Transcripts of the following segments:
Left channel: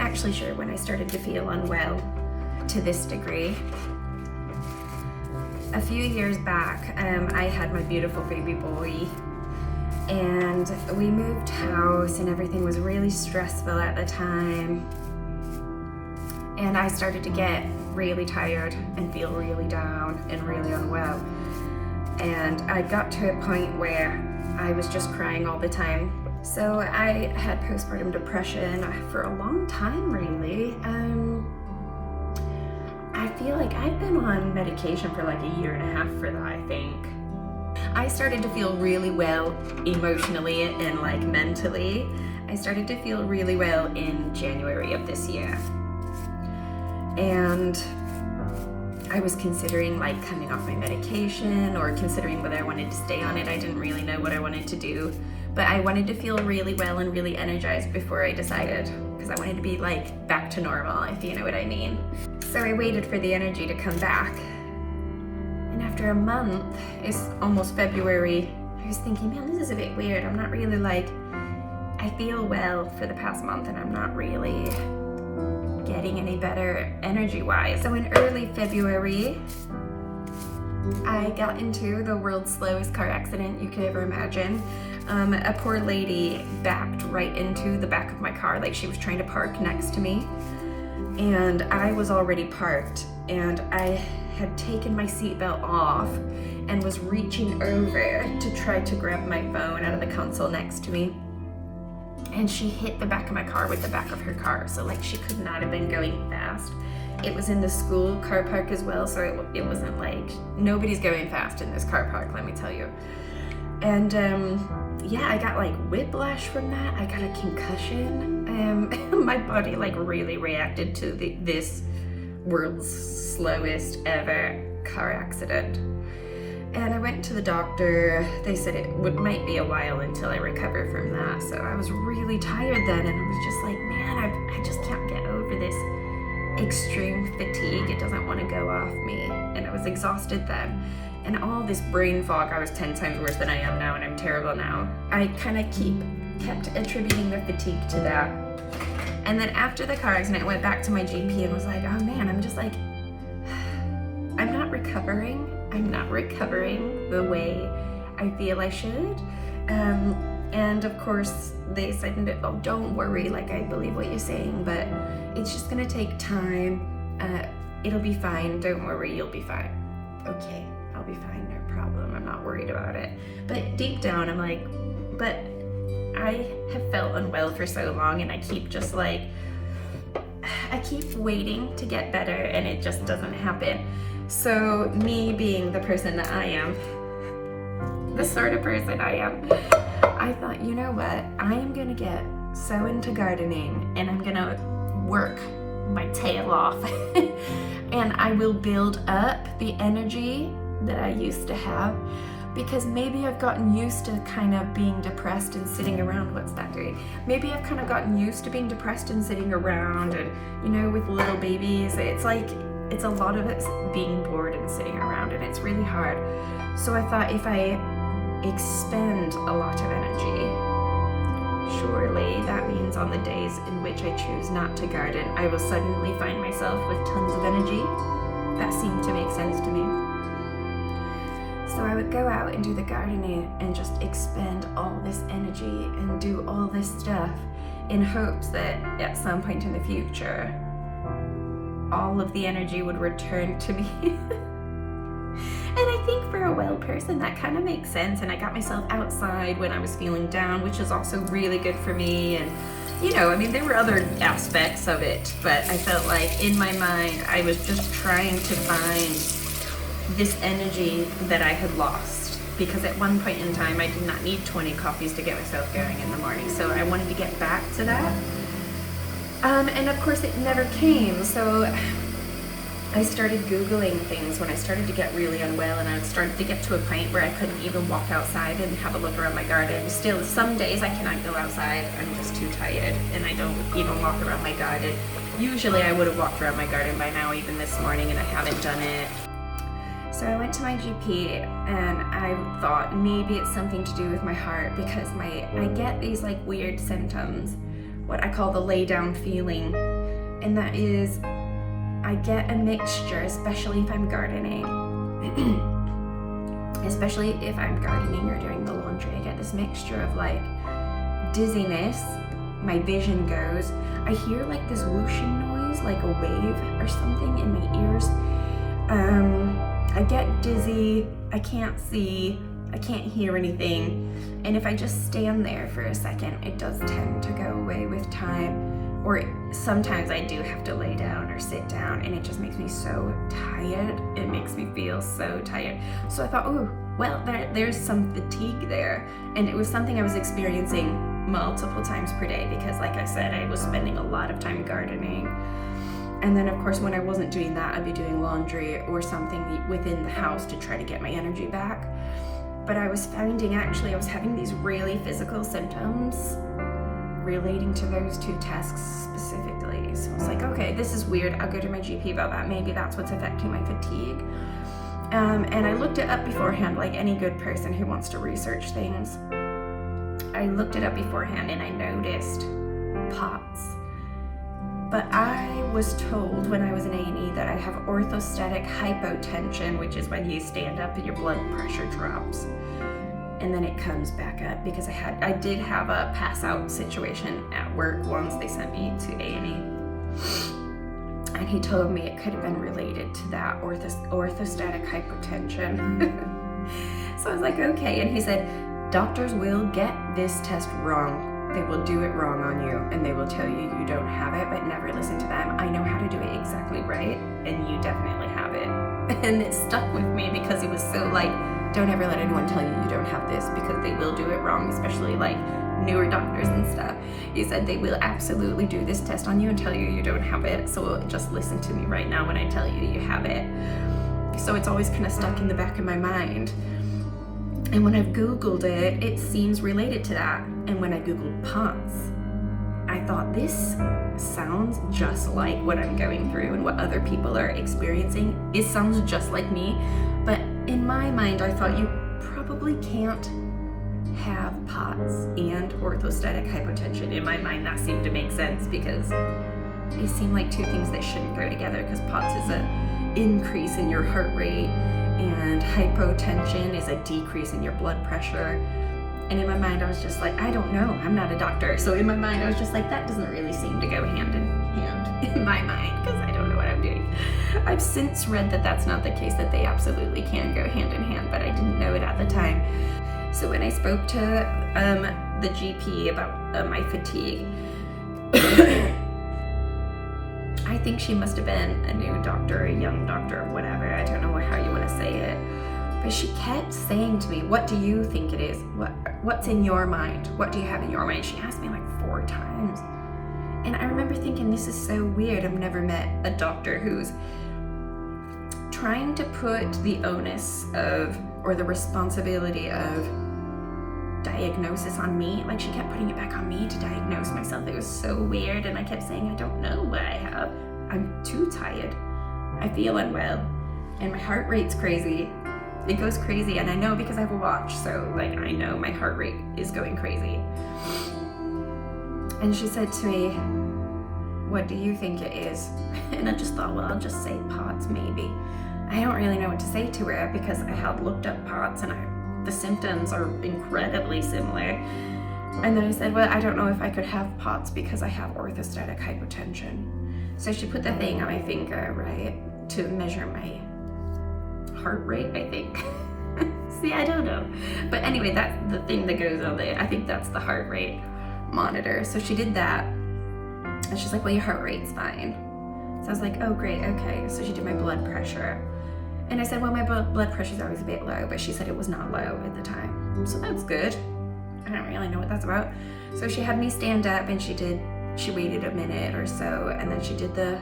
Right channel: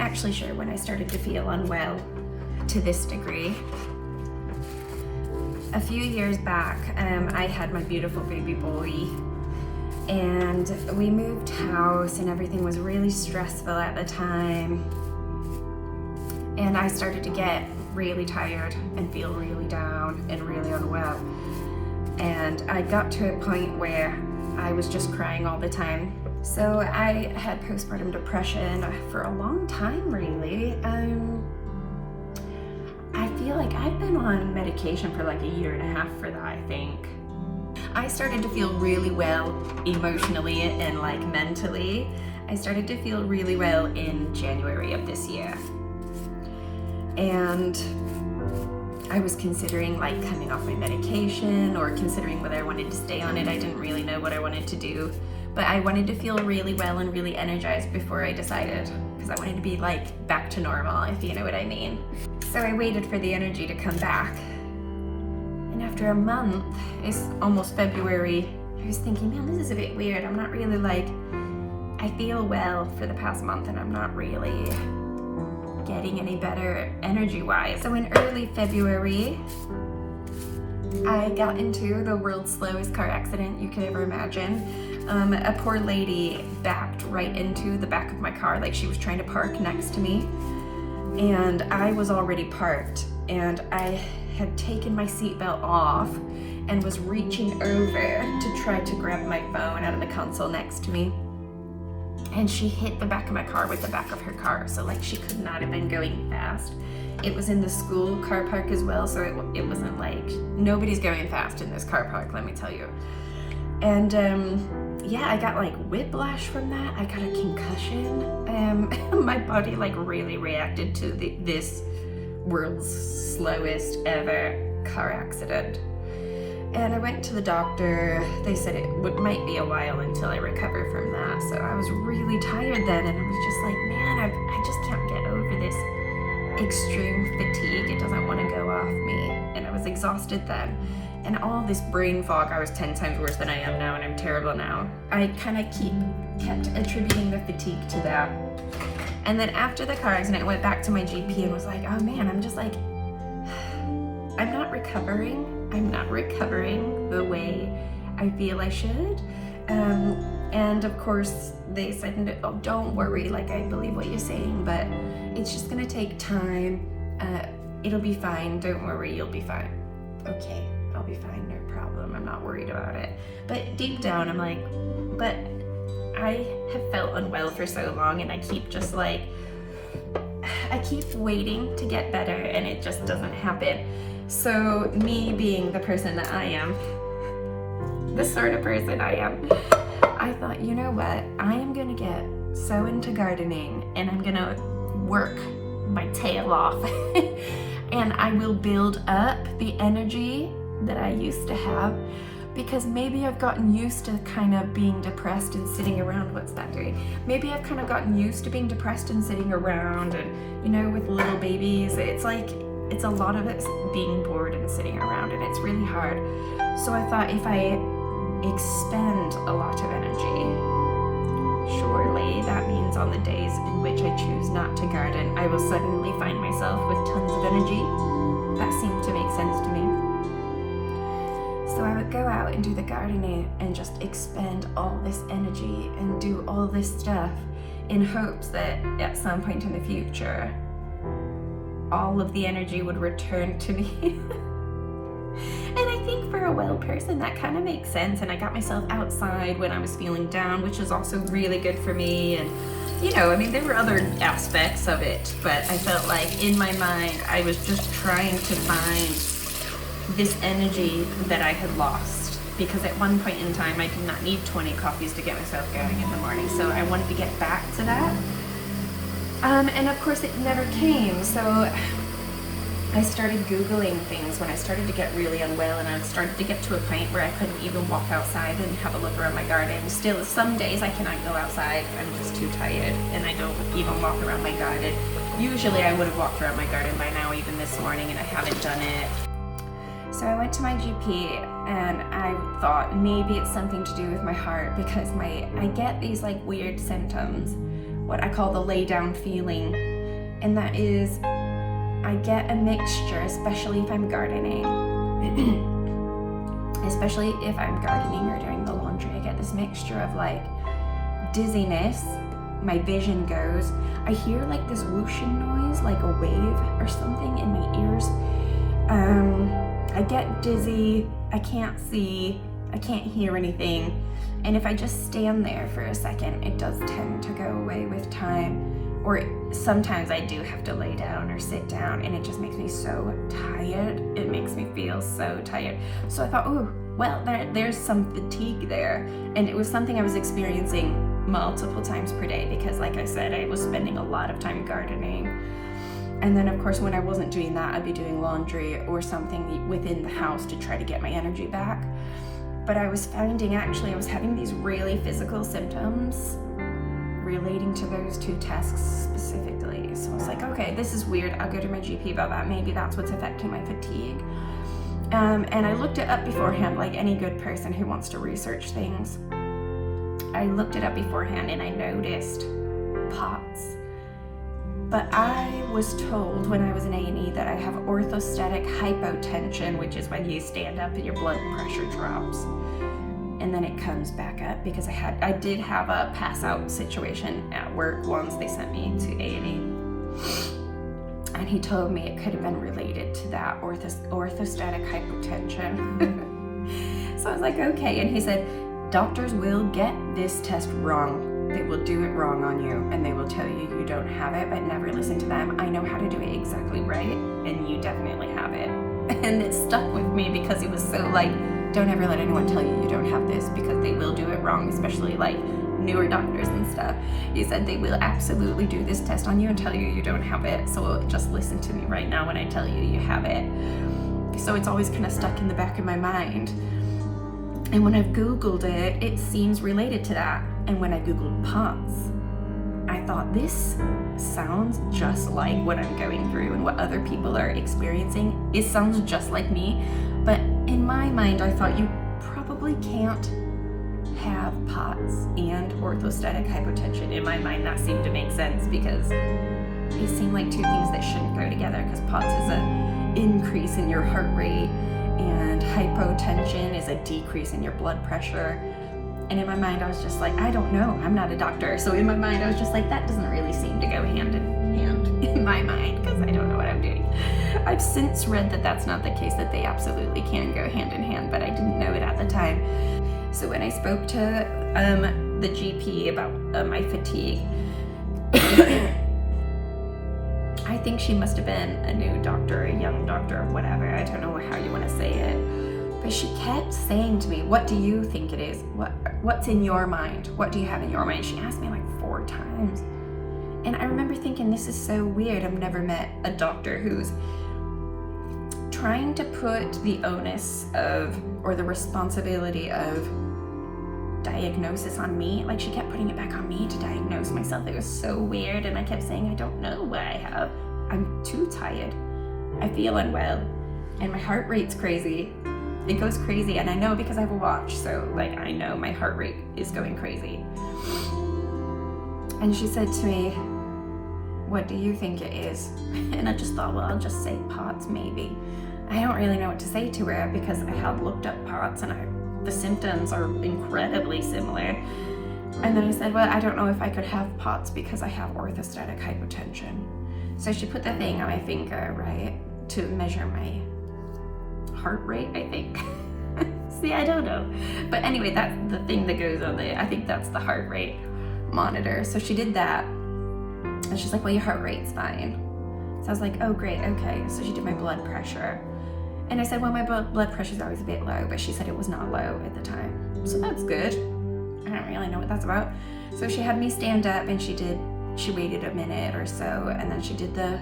actually sure when I started to feel unwell to this degree. A few years back, I had my beautiful baby boy, and we moved house and everything was really stressful at the time. And I started to get really tired and feel really down and really unwell. And I got to a point where I was just crying all the time. So I had postpartum depression for a long time, really. I feel like I've been on medication for like a year and a half for that, I think. I started to feel really well emotionally and like mentally. I started to feel really well in January of this year. And I was considering like coming off my medication or considering whether I wanted to stay on it. I didn't really know what I wanted to do, but I wanted to feel really well and really energized before I decided, because I wanted to be like back to normal, if you know what I mean. So I waited for the energy to come back. And after a month, it's almost February, I was thinking, man, this is a bit weird. I'm not really like, I feel well for the past month and I'm not really getting any better energy-wise. So in early February, I got into the world's slowest car accident you could ever imagine. A poor lady backed right into the back of my car, like she was trying to park next to me. And I was already parked, and I had taken my seatbelt off and was reaching over to try to grab my phone out of the console next to me. And she hit the back of my car with the back of her car, so like she could not have been going fast. It was in the school car park as well, so it wasn't like, nobody's going fast in this car park, let me tell you. And yeah, I got like whiplash from that. I got a concussion. My body like really reacted to this world's slowest ever car accident. And I went to the doctor. They said it might be a while until I recover from that. So I was really tired then, and I was just like, man, I just can't get over this extreme fatigue. It doesn't want to go off me. And I was exhausted then. And all this brain fog, I was 10 times worse than I am now, and I'm terrible now. I kind of kept attributing the fatigue to that. And then after the car accident, I went back to my GP and was like, oh man, I'm just like, I'm not recovering. I'm not recovering the way I feel I should. And of course, they said, oh, don't worry, like I believe what you're saying, but it's just gonna take time. It'll be fine, don't worry, you'll be fine. Okay, I'll be fine, no problem, I'm not worried about it. But deep down, I'm like, but I have felt unwell for so long, and I keep just like, I keep waiting to get better, and it just doesn't happen. So me being the person that I am, the sort of person I am, I thought, you know what, I am gonna get so into gardening and I'm gonna work my tail off and I will build up the energy that I used to have, because maybe I've gotten used to kind of being depressed and sitting around. What's that doing? Maybe I've kind of gotten used to being depressed and sitting around, and you know, with little babies, it's like, it's a lot of it's being bored and sitting around, and it's really hard. So I thought, if I expend a lot of energy, surely that means on the days in which I choose not to garden, I will suddenly find myself with tons of energy. That seemed to make sense to me. So I would go out and do the gardening and just expend all this energy and do all this stuff in hopes that at some point in the future, all of the energy would return to me. And I think for a well person, that kind of makes sense. And I got myself outside when I was feeling down, which is also really good for me. And, you know, I mean, there were other aspects of it, but I felt like in my mind, I was just trying to find this energy that I had lost, because at one point in time, I did not need 20 coffees to get myself going in the morning. So I wanted to get back to that. And of course it never came. So I started Googling things when I started to get really unwell, and I started to get to a point where I couldn't even walk outside and have a look around my garden. Still, some days I cannot go outside. I'm just too tired, and I don't even walk around my garden. Usually I would have walked around my garden by now, even this morning, and I haven't done it. So I went to my GP, and I thought maybe it's something to do with my heart, because I get these like weird symptoms what I call the lay down feeling. And that is, I get a mixture, especially if I'm gardening. Especially if I'm gardening or doing the laundry, I get this mixture of like dizziness, my vision goes, I hear like this whooshing noise, like a wave or something in my ears. I get dizzy, I can't see, I can't hear anything. And if I just stand there for a second, it does tend to go away with time. Or sometimes I do have to lay down or sit down, and it just makes me so tired. It makes me feel so tired. So I thought, oh, well, there's some fatigue there. And it was something I was experiencing multiple times per day because, like I said, I was spending a lot of time gardening. And then, of course, when I wasn't doing that, I'd be doing laundry or something within the house to try to get my energy back. But I was finding, actually, I was having these really physical symptoms relating to those two tasks specifically. So I was like, okay, this is weird. I'll go to my GP about that. Maybe that's what's affecting my fatigue. And I looked it up beforehand, like any good person who wants to research things. I looked it up beforehand and I noticed POTS. But I was told when I was in A&E that I have orthostatic hypotension, which is when you stand up and your blood pressure drops. And then it comes back up because I did have a pass out situation at work once. They sent me to A&E. And he told me it could have been related to that orthostatic hypotension. So I was like, okay. And he said, doctors will get this test wrong. They will do it wrong on you and they will tell you you don't have it, but never listen to them. I know how to do it exactly right, and you definitely have it. And it stuck with me because it was so like, don't ever let anyone tell you you don't have this because they will do it wrong, especially like newer doctors and stuff. He said they will absolutely do this test on you and tell you you don't have it. So just listen to me right now when I tell you you have it. So it's always kind of stuck in the back of my mind. And when I've Googled it, it seems related to that. And when I Googled POTS, I thought this sounds just like what I'm going through and what other people are experiencing. It sounds just like me. But in my mind, I thought you probably can't have POTS and orthostatic hypotension. In my mind, that seemed to make sense because they seem like two things that shouldn't go together, because POTS is an increase in your heart rate and hypotension is a decrease in your blood pressure. And in my mind, I was just like, I don't know, I'm not a doctor. So in my mind, I was just like, that doesn't really seem to go hand in hand in my mind because I don't know what I'm doing. I've since read that that's not the case, that they absolutely can go hand in hand, but I didn't know it at the time. So when I spoke to the GP about my fatigue, I think she must have been a new doctor, a young doctor, or whatever. I don't know how you want to say it. But she kept saying to me, what do you think it is? What's in your mind? What do you have in your mind? She asked me like 4 times. And I remember thinking, this is so weird. I've never met a doctor who's trying to put the onus of, or the responsibility of, diagnosis on me. Like, she kept putting it back on me to diagnose myself. It was so weird. And I kept saying, I don't know what I have. I'm too tired. I feel unwell. And my heart rate's crazy. It goes crazy, and I know because I have a watch, so like I know my heart rate is going crazy. And she said to me, what do you think it is? And I just thought, well, I'll just say POTS maybe. I don't really know what to say to her because I had looked up POTS and the symptoms are incredibly similar. And then I said, well, I don't know if I could have POTS because I have orthostatic hypotension. So she put the thing on my finger, right, to measure my heart rate, I think. See, I don't know. But anyway, that's the thing that goes on there. I think that's the heart rate monitor. So she did that. And she's like, well, your heart rate's fine. So I was like, oh, great, okay. So she did my blood pressure. And I said, well, my blood pressure's always a bit low, but she said it was not low at the time. So that's good. I don't really know what that's about. So she had me stand up and she waited a minute or so, and then she did the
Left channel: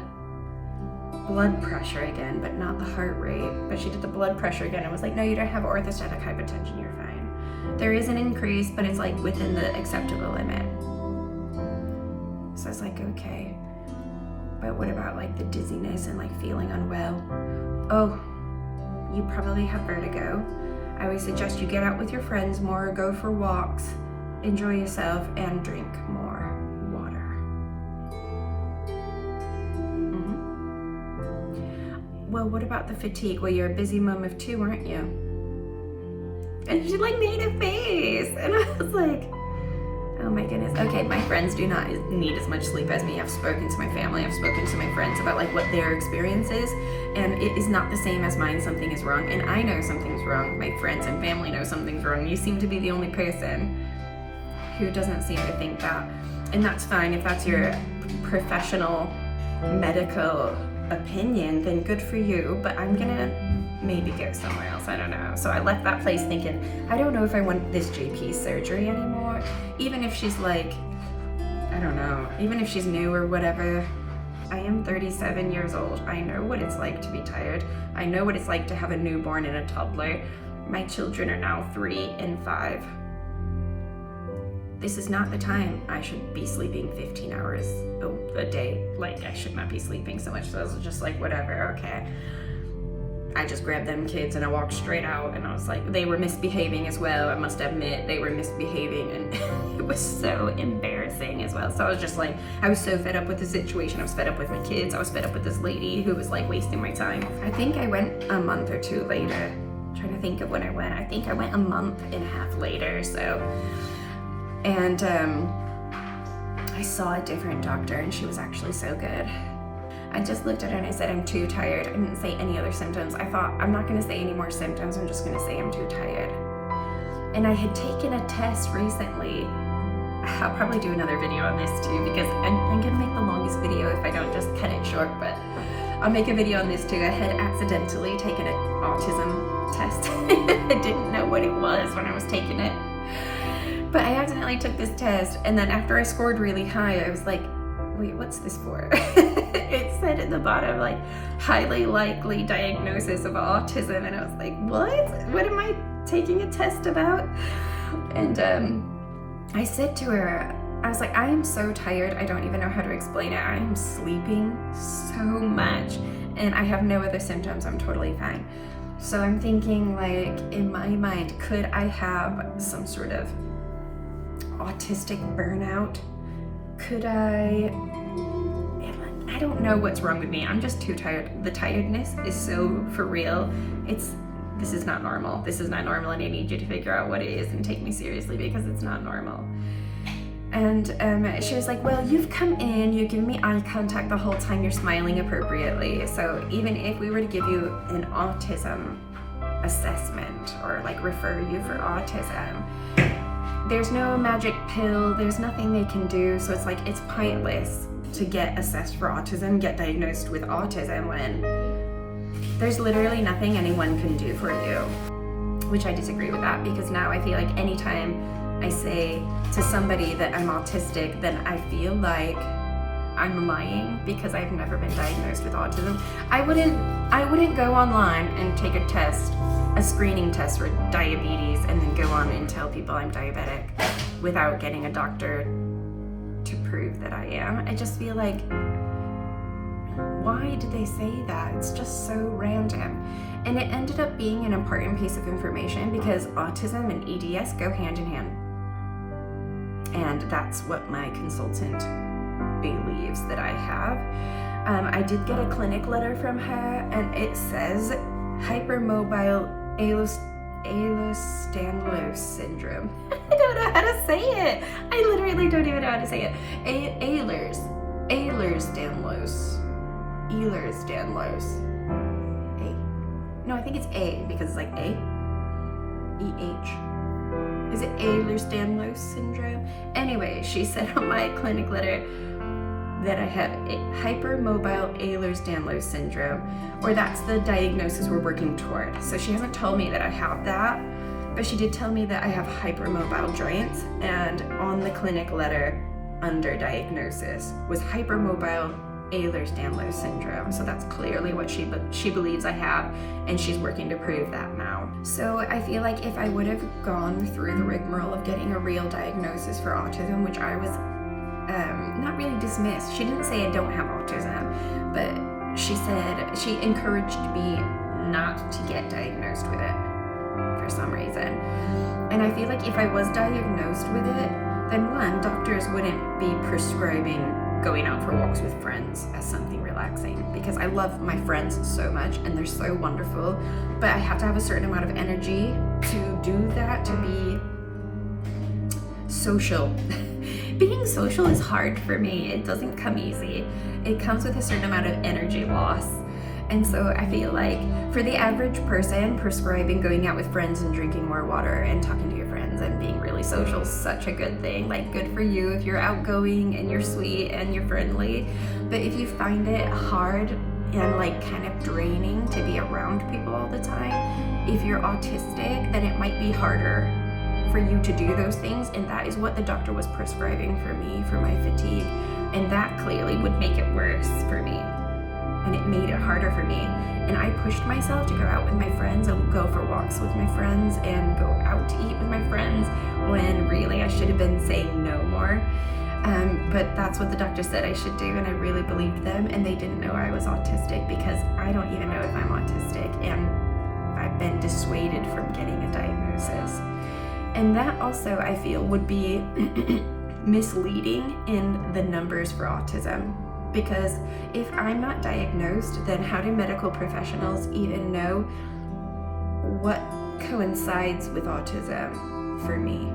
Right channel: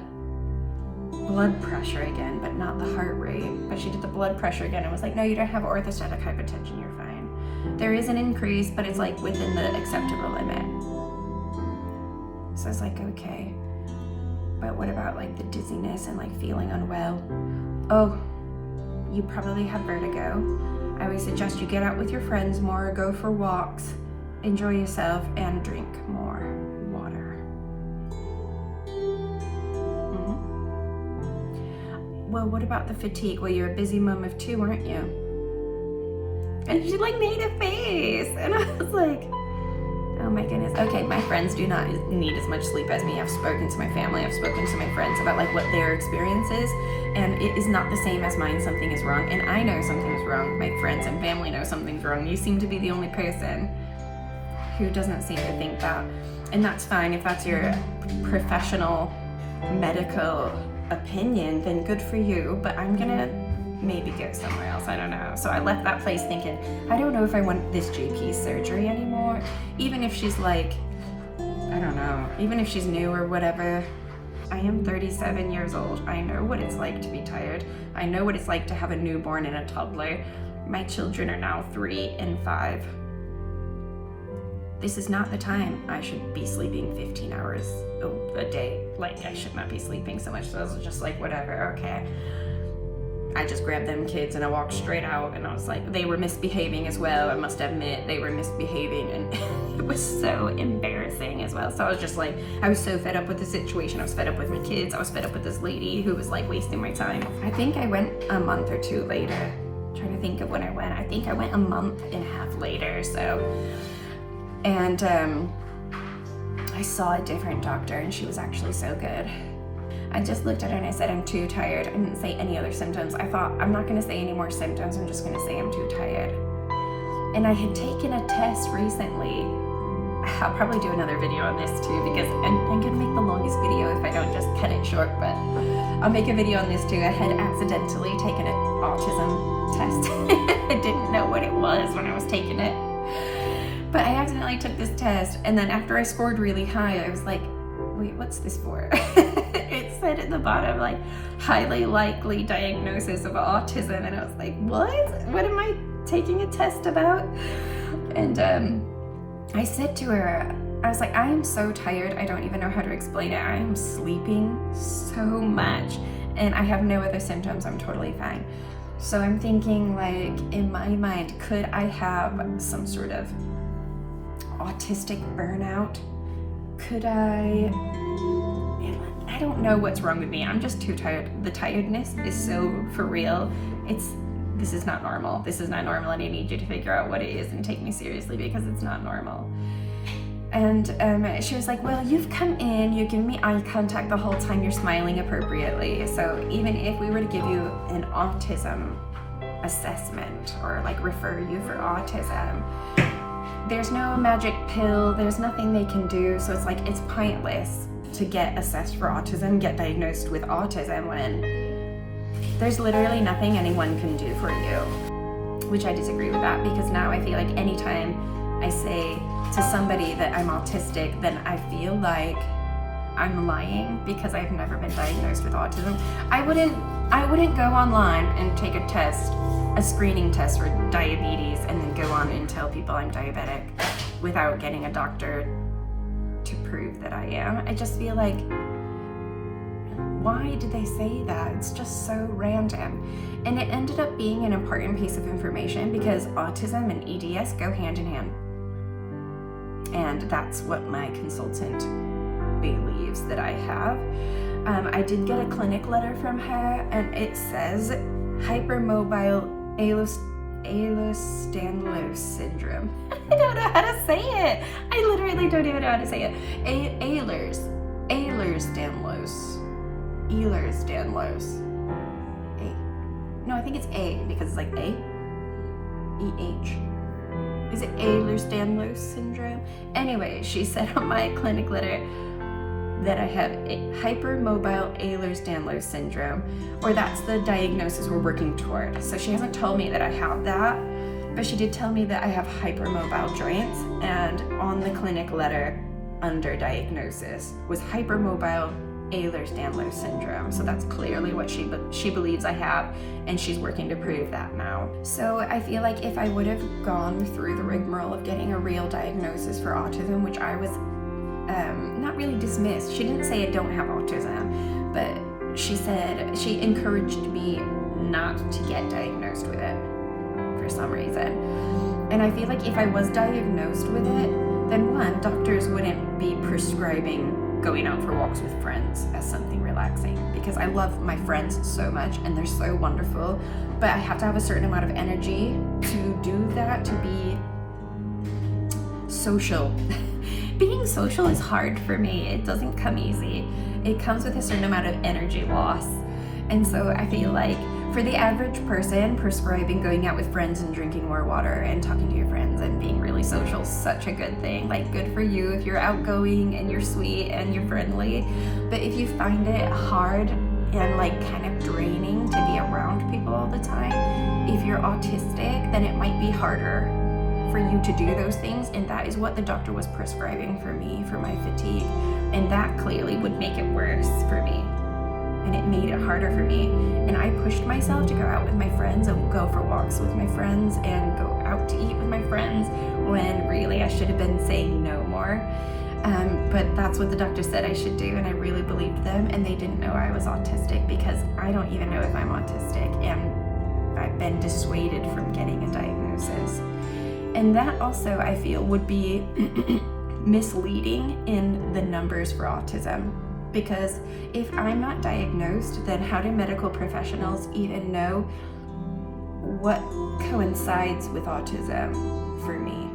blood pressure again, but not the heart rate. But she did the blood pressure again and was like, no, you don't have orthostatic hypotension, you're fine. There is an increase, but it's like within the acceptable limit. So I was like, okay. But what about like the dizziness and like feeling unwell? Oh, you probably have vertigo. I always suggest you get out with your friends more, go for walks, enjoy yourself, and drink more water. well, what about the fatigue? Well, you're a busy mom of 2, aren't you? And she like made a face. And I was like, oh my goodness. Okay, my friends do not need as much sleep as me. I've spoken to my family, I've spoken to my friends about like what their experience is, and it is not the same as mine. Something is wrong, and I know something's wrong. My friends and family know something's wrong. You seem to be the only person who doesn't seem to think that. And that's fine. If that's your professional medical opinion, then good for you, but I'm gonna maybe go somewhere else. I don't know. So I left that place thinking, I don't know if I want this GP surgery anymore. Even if she's like, I don't know, even if she's new or whatever. I am 37 years old. I know what it's like to be tired. I know what it's like to have a newborn and a toddler. My children are now 3 and 5. This is not the time I should be sleeping 15 hours a day. Like, I should not be sleeping so much. So I was just like, whatever, okay. I just grabbed them kids and I walked straight out, and I was like, they were misbehaving as well. I must admit, they were misbehaving, and it was so embarrassing as well. So I was just like, I was so fed up with the situation. I was fed up with my kids. I was fed up with this lady who was like wasting my time. I think I went a month or 2 later. I'm trying to think of when I went. I think I went a month and a half later, so. And I saw a different doctor, and she was actually so good. I just looked at her and I said, I'm too tired. I didn't say any other symptoms. I thought, I'm not gonna say any more symptoms. I'm just gonna say I'm too tired. And I had taken a test recently. I'll probably do another video on this too, because I'm gonna make the longest video if I don't just cut it short, but I'll make a video on this too. I had accidentally taken an autism test. I didn't know what it was when I was taking it. But I accidentally took this test, and then after I scored really high, I was like, wait, what's this for? It said at the bottom, like, highly likely diagnosis of autism, and I was like, what? What am I taking a test about? And I said to her, I was like, I am so tired, I don't even know how to explain it. I am sleeping so much, and I have no other symptoms. I'm totally fine. So I'm thinking, like, in my mind, could I have some sort of autistic burnout? Could I don't know what's wrong with me. I'm just too tired. The tiredness is so for real. This is not normal. This is not normal, and I need you to figure out what it is and take me seriously, because it's not normal. And she was like, well, you've come in, you give me eye contact the whole time, you're smiling appropriately. So even if we were to give you an autism assessment or like refer you for autism, there's no magic pill, there's nothing they can do. So it's like, it's pointless to get assessed for autism, get diagnosed with autism, when there's literally nothing anyone can do for you. Which I disagree with that, because now I feel like anytime I say to somebody that I'm autistic, then I feel like I'm lying, because I've never been diagnosed with autism. I wouldn't go online and take a test, a screening test for diabetes, and then go on and tell people I'm diabetic without getting a doctor to prove that I am. I just feel like, why did they say that? It's just so random. And it ended up being an important piece of information, because autism and EDS go hand in hand. And that's what my consultant believes that I have. I did get a clinic letter from her, and it says hypermobile Ehlers-Danlos syndrome. I don't know how to say it. I literally don't even know how to say it. Ehlers-Danlos. No, I think it's A, because it's like A. E-H. Is it Ehlers-Danlos syndrome? Anyway, she said on my clinic letter that I have hypermobile Ehlers-Danlos syndrome, or that's the diagnosis we're working toward. So she hasn't told me that I have that, but she did tell me that I have hypermobile joints, and on the clinic letter under diagnosis was hypermobile Ehlers-Danlos syndrome. So that's clearly what she believes I have, and she's working to prove that now. So I feel like if I would have gone through the rigmarole of getting a real diagnosis for autism, which I was not really dismissed. She didn't say I don't have autism, but she said she encouraged me not to get diagnosed with it for some reason. And I feel like if I was diagnosed with it, then one, doctors wouldn't be prescribing going out for walks with friends as something relaxing, because because I love my friends so much and they're so wonderful, but I have to have a certain amount of energy to do that, to be social. Being social is hard for me. It doesn't come easy. It comes with a certain amount of energy loss. And so I feel like for the average person, prescribing going out with friends and drinking more water and talking to your friends and being really social is such a good thing. Like, good for you if you're outgoing and you're sweet and you're friendly. But if you find it hard and like kind of draining to be around people all the time, if you're autistic, then it might be harder for you to do those things. And that is what the doctor was prescribing for me, for my fatigue. And that clearly would make it worse for me. And it made it harder for me. And I pushed myself to go out with my friends and go for walks with my friends and go out to eat with my friends, when really I should have been saying no more. But that's what the doctor said I should do, and I really believed them. And they didn't know I was autistic, because I don't even know if I'm autistic, and I've been dissuaded from getting a diagnosis. And that also, I feel, would be misleading in the numbers for autism. Because if I'm not diagnosed, then how do medical professionals even know what coincides with autism for me?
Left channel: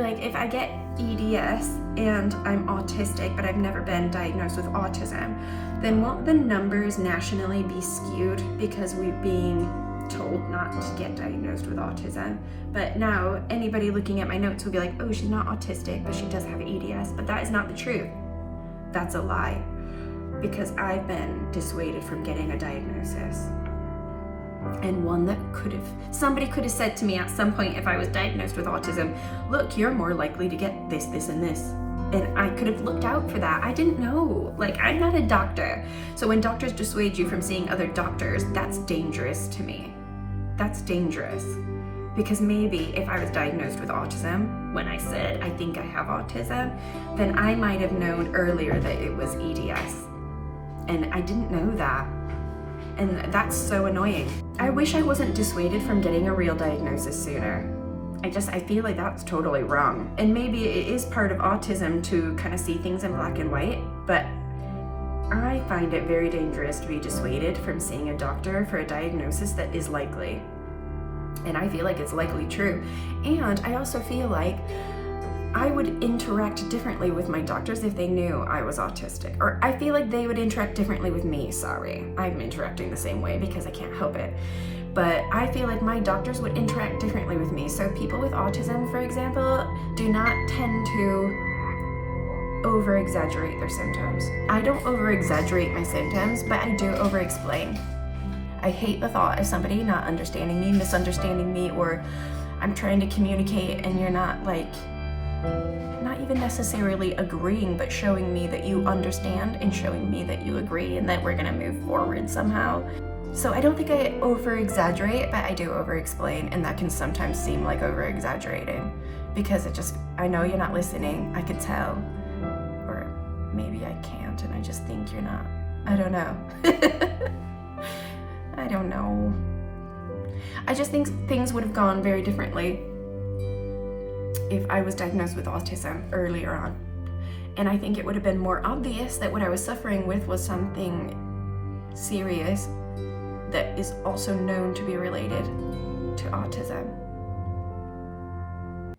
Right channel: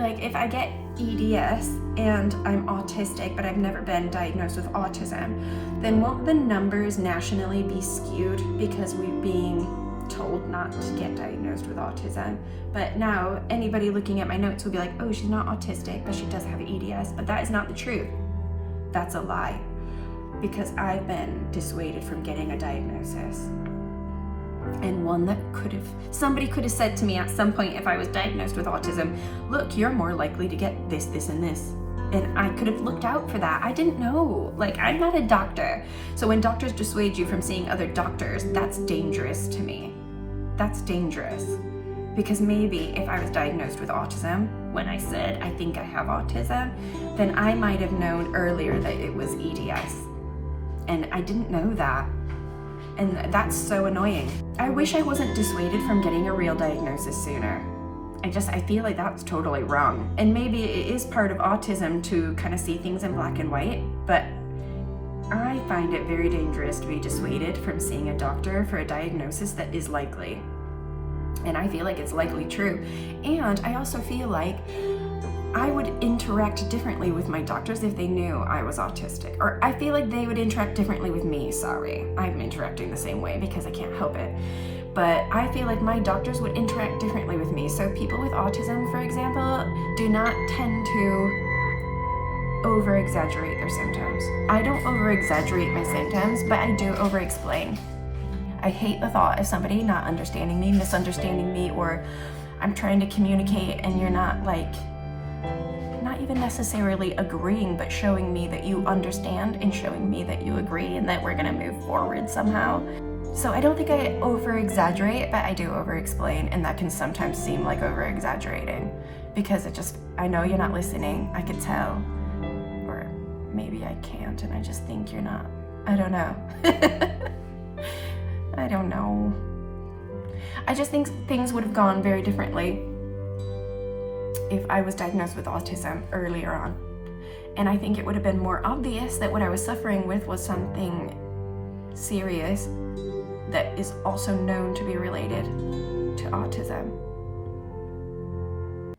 Like, if I get EDS and I'm autistic, but I've never been diagnosed with autism, then won't the numbers nationally be skewed because we're being told not to get diagnosed with autism? But now anybody looking at my notes will be like, oh, she's not autistic, but she does have EDS. But that is not the truth. That's a lie, because I've been dissuaded from getting a diagnosis. And one that somebody could have said to me at some point if I was diagnosed with autism, look, you're more likely to get this, this, and this. And I could have looked out for that. I didn't know. Like, I'm not a doctor. So when doctors dissuade you from seeing other doctors, that's dangerous to me. That's dangerous. Because maybe if I was diagnosed with autism, when I said I think I have autism, then I might have known earlier that it was EDS. And I didn't know that. And that's so annoying. I wish I wasn't dissuaded from getting a real diagnosis sooner. I feel like that's totally wrong. And maybe it is part of autism to kind of see things in black and white, but I find it very dangerous to be dissuaded from seeing a doctor for a diagnosis that is likely. And I feel like it's likely true. And I also feel like I would interact differently with my doctors if they knew I was autistic. Or I feel like they would interact differently with me, sorry. I'm interacting the same way because I can't help it. But I feel like my doctors would interact differently with me. So people with autism, for example, do not tend to over-exaggerate their symptoms. I don't over-exaggerate my symptoms, but I do over-explain. I hate the thought of somebody not understanding me, misunderstanding me, or I'm trying to communicate and you're not even necessarily agreeing, but showing me that you understand and showing me that you agree and that we're gonna move forward somehow. So I don't think I over-exaggerate, but I do over-explain, and that can sometimes seem like over-exaggerating because I know you're not listening, I could tell. Or maybe I can't and I just think you're not. I don't know. I don't know. I just think things would have gone very differently if I was diagnosed with autism earlier on. And I think it would have been more obvious that what I was suffering with was something serious that is also known to be related to autism.